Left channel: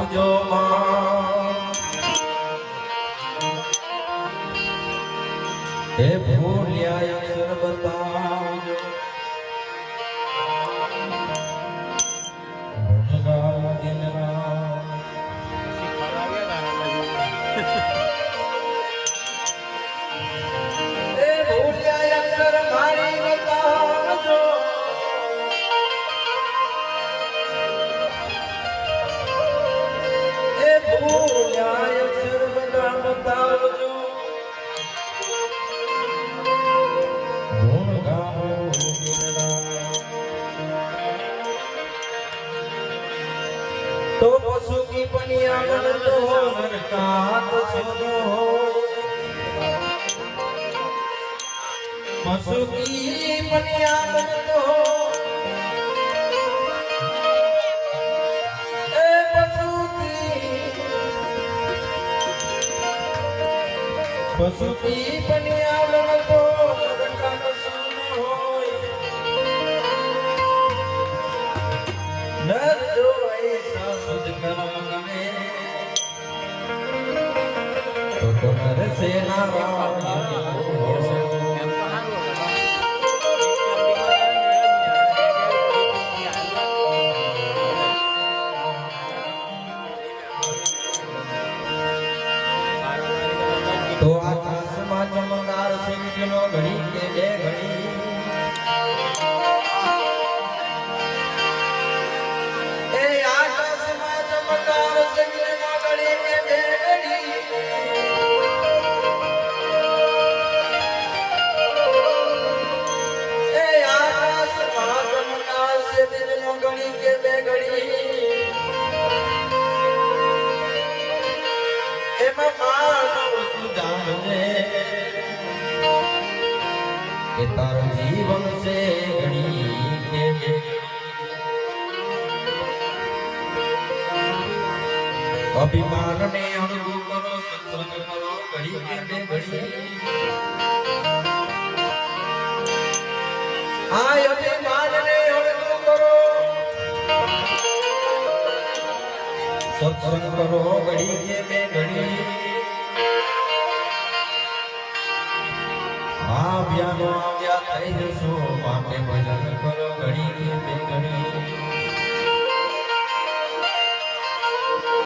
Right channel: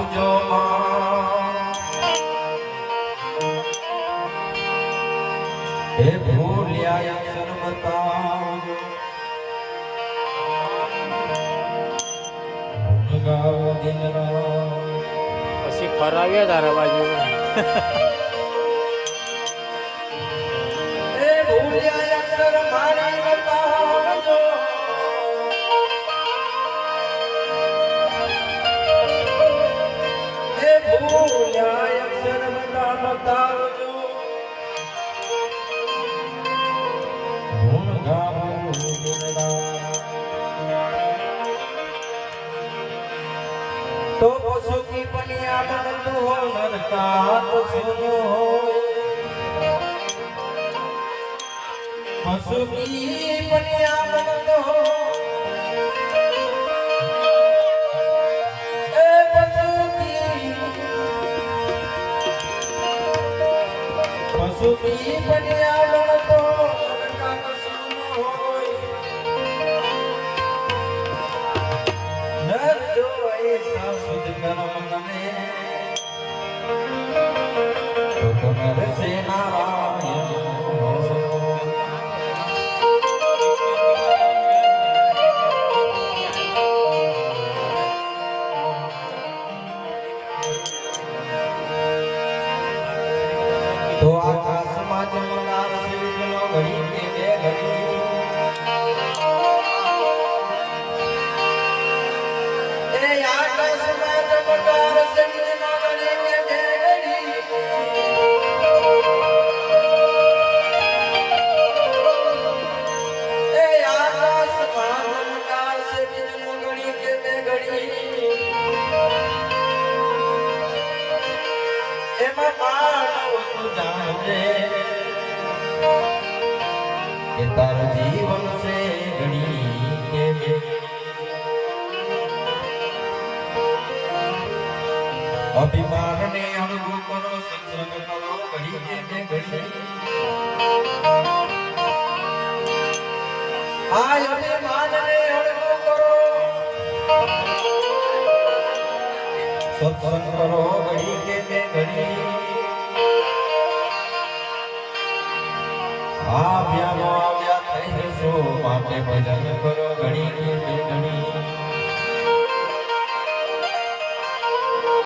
આપજો હે ભૂલ્યા અક્ષર બતાવજો પછી ફરાવ્યા તારા બાજુ तो पशु की पनियामन हो नरकात सुनो हो पशु की पनियामन तो पशु की पनियामन तो नरकात सुनो हो नर जो ऐसा सुध कर्म करे तो नर से नारायण तो आकाश में चमकार से विजनो घड़ी के बे घड़ी तारा जीवन से घड़ी के अभिमान ने अणगु करो सत्संग करो घड़ी के घड़ी हाय अभिमान ने अणगु करो सत्संग करो घड़ी के घड़ी